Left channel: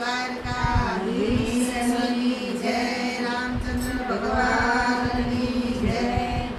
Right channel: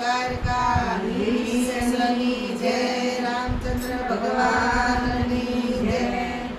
દ્વારકાધીશની જય, રામચંદ્ર ભગવાનની જય.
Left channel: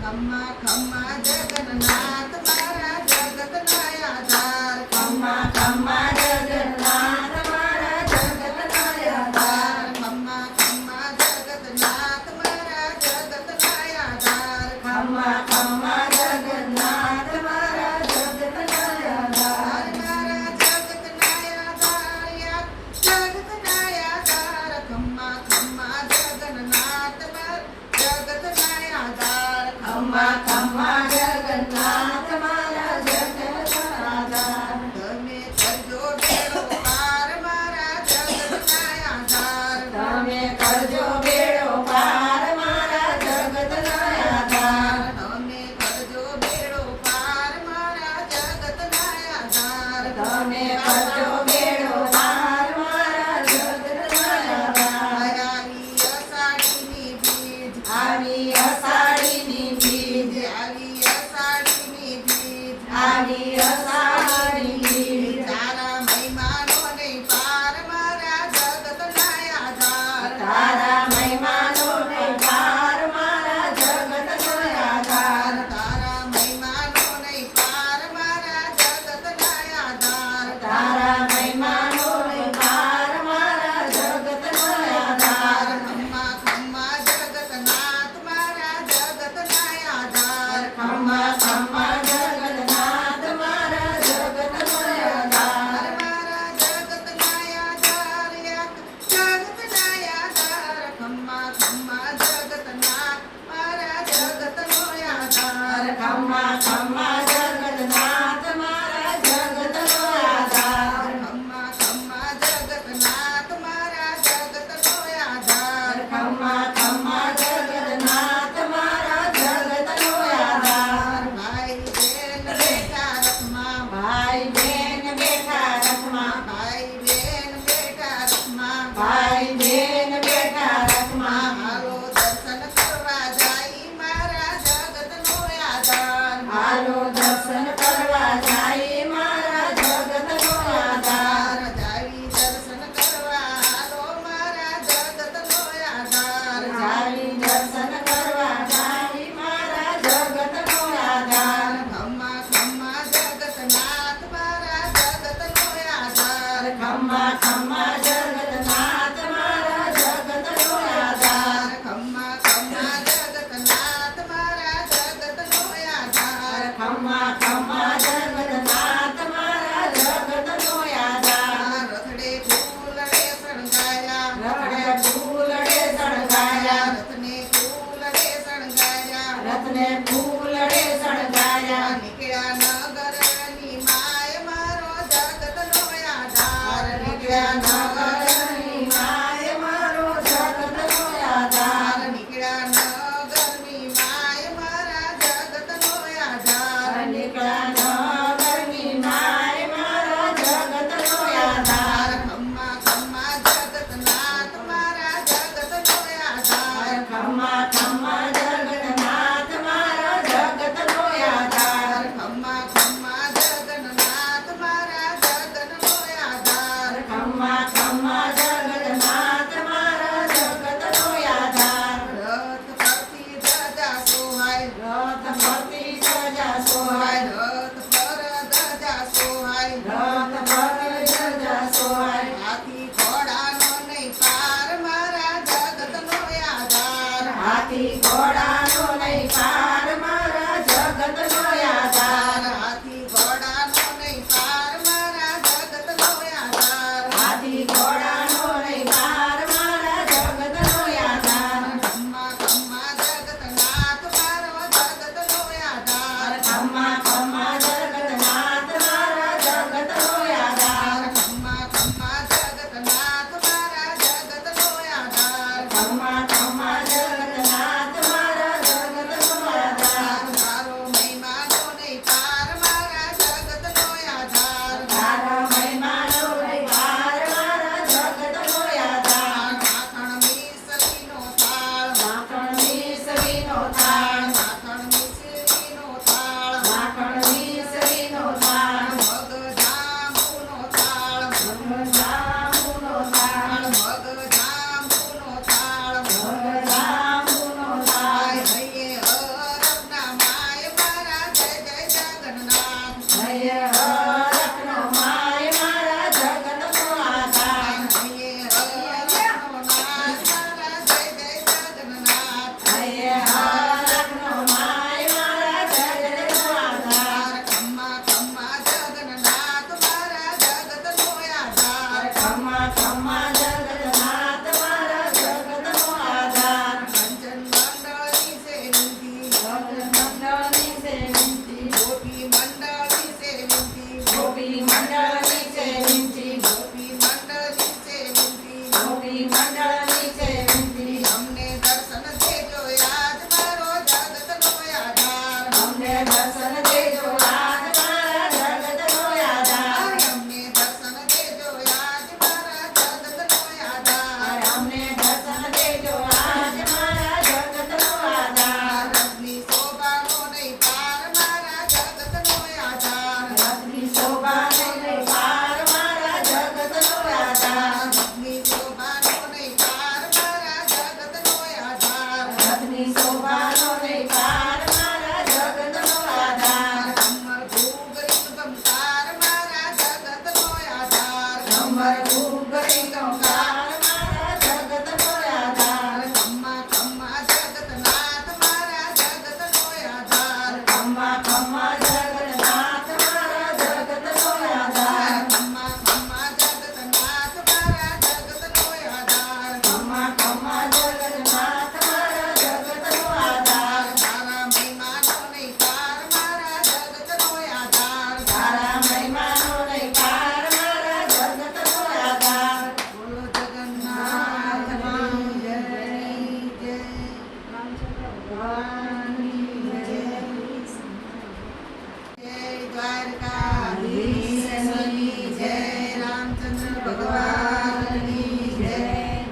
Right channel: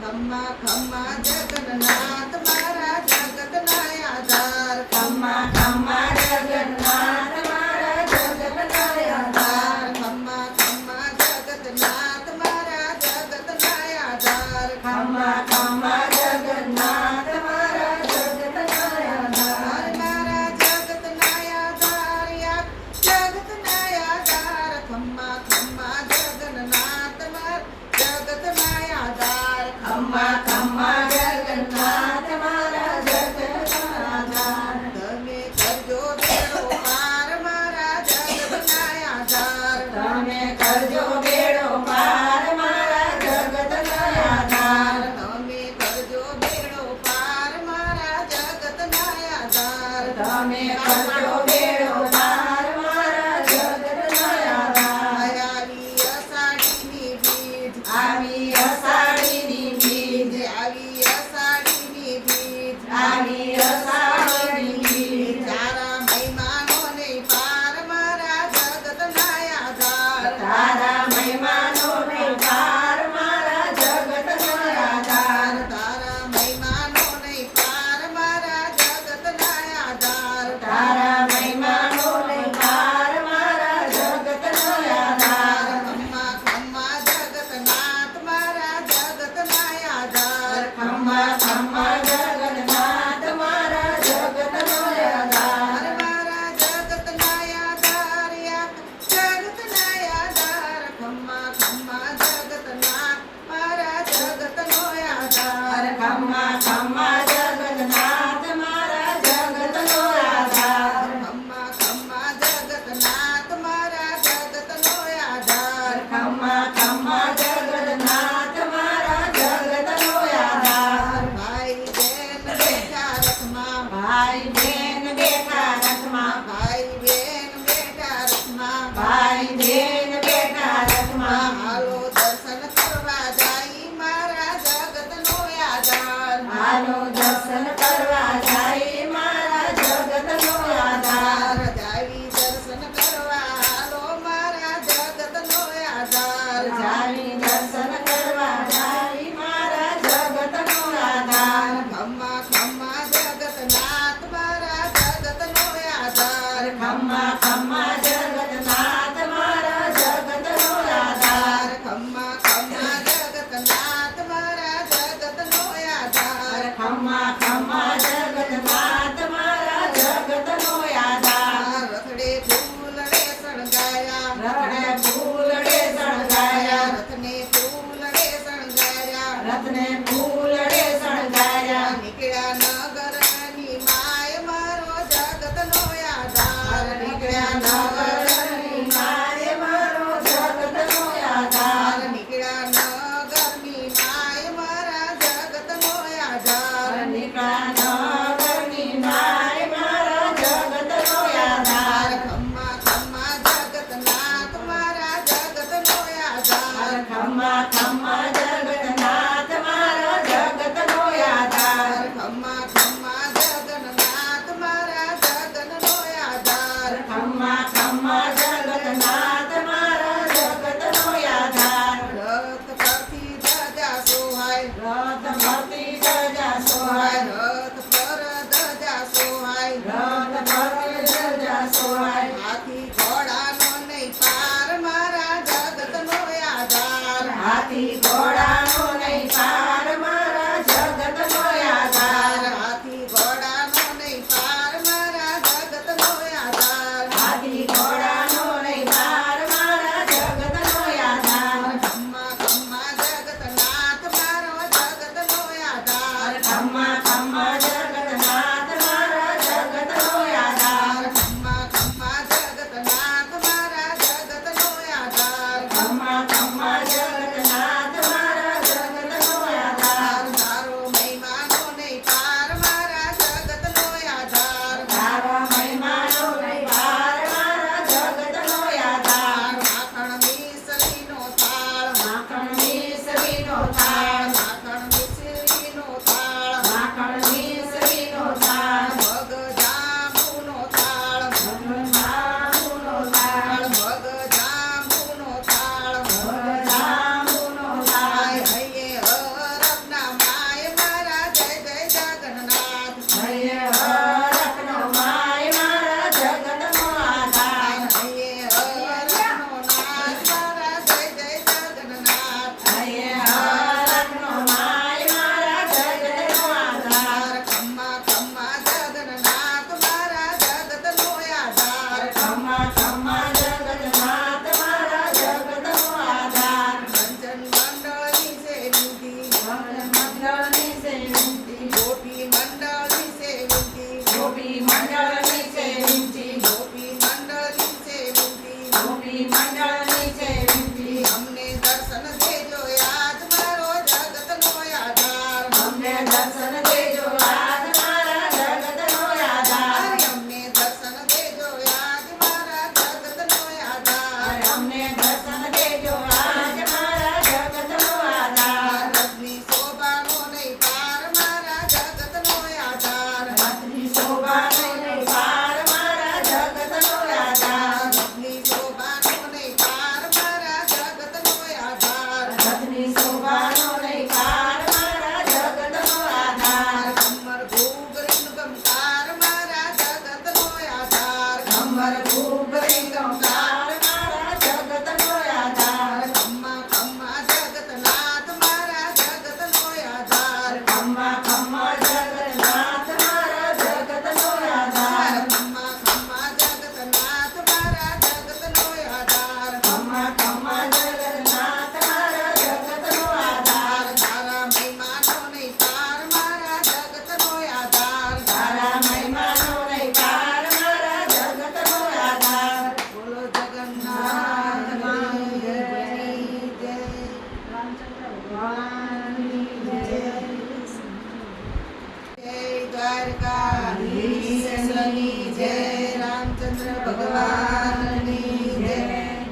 ખમ્મા ખમ્મા જગન્નાથ મારા જગતના આધાર. ખમ્મા ખમ્મા જગન્નાથ મારા જગતના આધાર. ખમ્મા ખમ્મા જગન્નાથ મારા જગતના આધાર. ખમ્મા ખમ્મા જગન્નાથ મારા જગતના આધાર. મારા જગતના આધાર યા જગતના આધાર. ખમ્મા ખમ્મા જગન્નાથ મારા જગતના આધાર. ખમ્મા ખમ્મા જગન્નાથ મારા જગતના આધાર. તમે કરજો બેડો પાર મારા જગતના આધાર. તમે કરજો બેડો પાર મારા જગતના આધાર. તમે કરજો બેડો પાર મારા જગતના આધાર. તમે કરજો બેડો પાર મારા જગતના આધાર. આવી અષાઢીની બીજ, આવી અષાઢીની બીજ, આવી અષાઢીની બીજ, આવી અષાઢીની બીજ. તારા મહિમાનોને પાર મારા જગતના આધાર. તારા મહિમાનોને પાર મારા જગતના આધાર. તારા મહિમાનોને પાર મારા જગતના આધાર. તારા મહિમાનોને પાર મારા જગતના આધાર. ખમ્મા ખમ્મા જગન્નાથ મારા જગતના આધાર. ખમ્મા ખમ્મા જગન્નાથ મારા જગતના આધાર. મારા જગતના આધાર યા જગતના આધાર. ખમ્મા ખમ્મા જગન્નાથ મારા જગતનો આધાર. ખમ્મા ખમ્મા જગન્નાથ મારા જગતનો આધાર. ખમ્મા ખમ્મા જગન્નાથ મારા જગતનો આધાર. ખમ્મા ખમ્મા જગન્નાથ મારા જગતનો આધાર. ભાઈ બેન બેઠા રથમાં, ભાઈ બેન બેઠા રથમાં, ભાઈ બેન બેઠા રથમાં, ભાઈ બેન બેઠા રથમાં. હાલો દર્શન કરવા જાય મારા જગતનો આધાર. હાલો દર્શન કરવા જાય મારા જગતનો આધાર. જાવી દર્શન કરવા હાલો મારા જગતનો આધાર. જાવી દર્શન કરવા જાય મારા જગતનો આધાર. ખમ્મા ખમ્મા જગન્નાથ મારા જગતનો આધાર. ખમ્મા ખમ્મા જગન્નાથ મારા જગતનો આધાર. ખમ્મા ખમ્મા જગન્નાથ મારા જગતનો આધાર. ખમ્મા ખમ્મા જગન્નાથ મારા જગતનો આધાર. રથડે ફૂલડે શણગાયા, રથડે ફૂલડે શણગાયા, રથને ફૂલડે શણગાયા, રથને ફૂલડે શણગાયા. નીકળ્યા નગરની માય મારો જગતનો આધાર. નીકળ્યા નગરની માય મારો જગતનો આધાર. નીકળ્યા નગરની માય મારા જગતનો આધાર. નીકળ્યા નગરની માય મારા જગતનો આધાર. ખમ્મા ખમ્મા જગન્નાથ મારા જગતનો આધાર. ખમ્મા ખમ્મા જગન્નાથ મારા જગતનો આધાર. ખમ્મા ખમ્મા દ્વારકાધીશની જય રામચંદ્ર ભગવાનની જય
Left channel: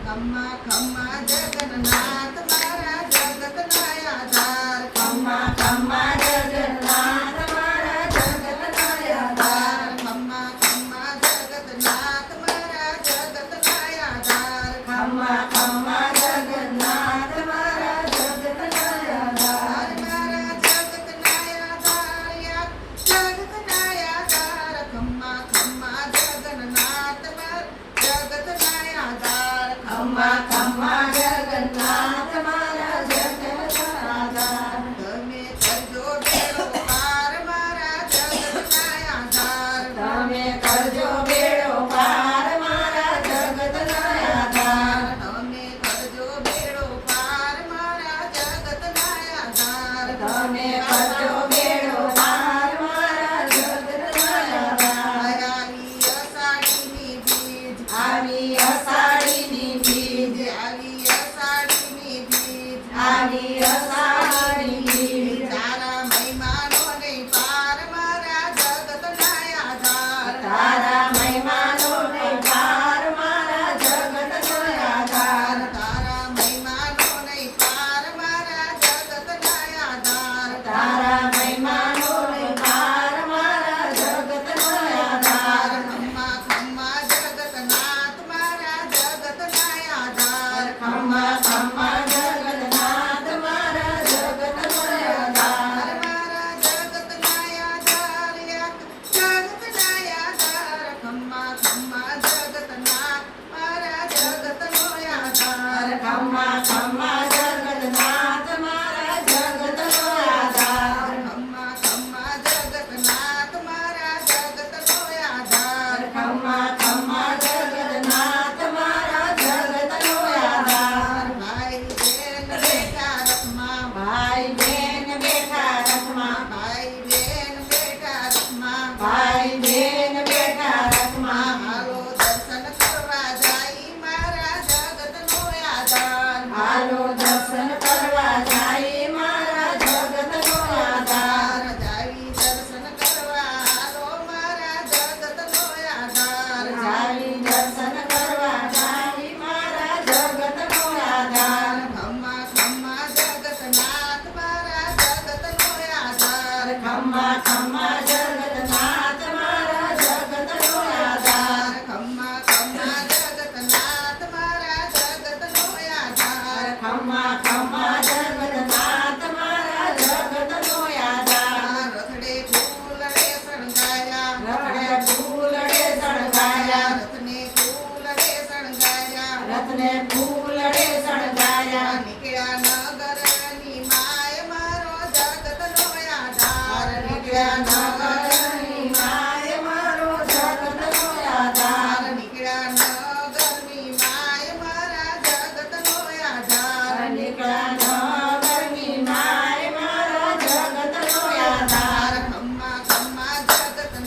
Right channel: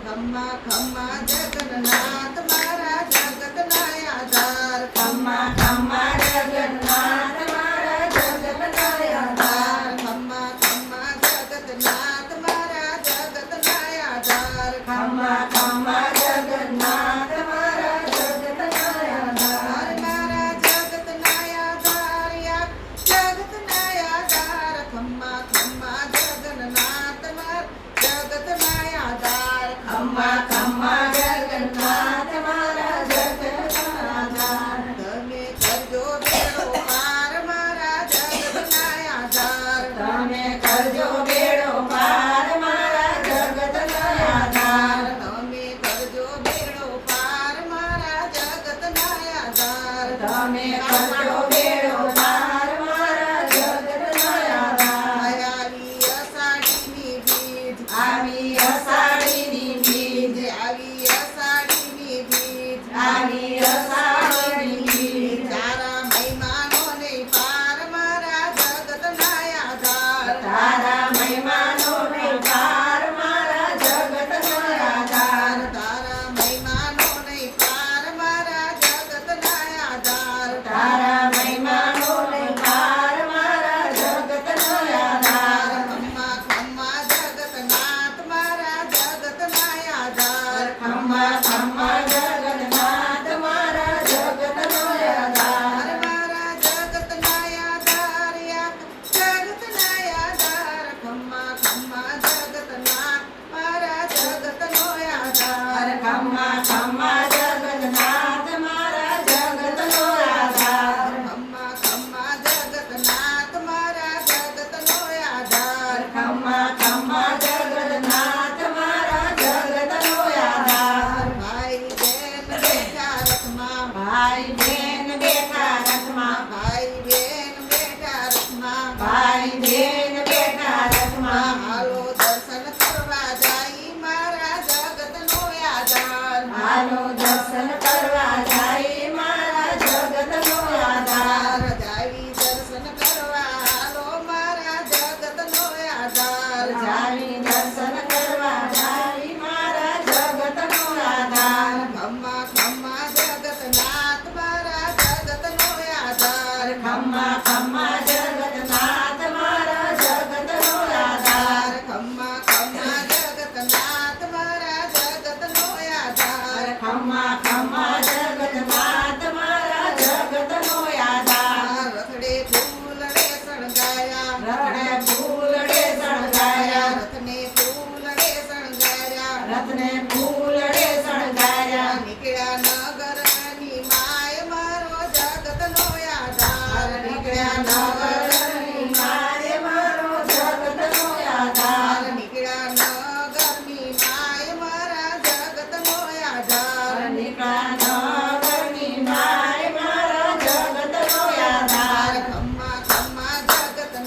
ખમ્મા ખમ્મા જગન્નાથ મારા જગતના આધાર ખમ્મા ખમ્મા જગન્નાથ મારા જગતના આધાર ખમ્મા ખમ્મા જગન્નાથ મારા જગતના આધાર ખમ્મા ખમ્મા જગન્નાથ મારા જગતના આધાર મારા જગતના આધાર યા જગતના આધાર ખમ્મા ખમ્મા જગન્નાથ મારા જગતના આધાર ખમ્મા ખમ્મા જગન્નાથ મારા જગતના આધાર તમે કરજો બેડો પાર મારા જગતના આધાર તમે કરજો બેડો પાર મારા જગતના આધાર તમે કરજો બેડો પાર મારા જગતના આધાર તમે કરજો બેડો પાર મારા જગતના આધાર આવી અષાઢીની બીજ આવી અષાઢીની બીજ આવી અષાઢીની બીજ આવી અષાઢીની બીજ તારા મહિમાનોને પાર મારા જગતના આધાર તારા મહિમાનોને પાર મારા જગતના આધાર તારા મહિમાનોને પાર મારા જગતના આધાર તારા મહિમાનોને પાર મારા જગતના આધાર ખમ્મા ખમ્મા જગતનાથ મારા જગતના આધાર ખમ્મા ખમ્મા જગન્નાથ મારા જગતના આધાર મારા જગતના આધાર યા જગતના આધાર ખમ્મા ખમ્મા જગતનાથ મારા જગતનો આધાર ખમ્મા ખમ્મા જગન્નાથ મારા જગતનો આધાર ખમ્મા ખમ્મા જગતનાથ મારા જગતનો આધાર ખમ્મા ખમ્મા જગન્નાથ મારા જગતનો આધાર ભાઈ બેન બેઠા રથમાં ભાઈ બેન બેઠા રથમાં ભાઈ બેન બેઠા રથમાં ભાઈ બેન બેઠા રથમાં હાલો દર્શન કરવા જાય મારા જગતનો આધાર હાલો દર્શન કરવા જાય મારા જગતનો આધાર જાવી દર્શન કરવા હાલો મારા જગતનો આધાર જાવી દર્શન કરવા જાય મારા જગતનો આધાર ખમ્મા ખમ્મા જગતનાથ મારા જગતનો આધાર ખમ્મા ખમ્મા જગન્નાથ મારા જગતનો આધાર ખમ્મા ખમ્મા જગતનાથ મારા જગતનો આધાર ખમ્મા ખમ્મા જગન્નાથ મારા જગતનો આધાર રથડે ફૂલડે શણગાયા રથડે ફૂલડે શણગાર્યા રથને ફૂલડે શણગાયા રથને ફૂલડે શણગાર્યા નીકળ્યા નગરની માય મારો જગતનો આધાર નીકળ્યા નગરની માય મારો જગતનો આધાર નીકળ્યા નગરની માય મારા જગતનો આધાર નીકળ્યા નગરની માય મારા જગતનો આધાર ખમ્મા ખમ્મા જગતનાથ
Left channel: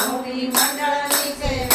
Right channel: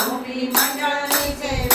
ગોપી મંડળની છે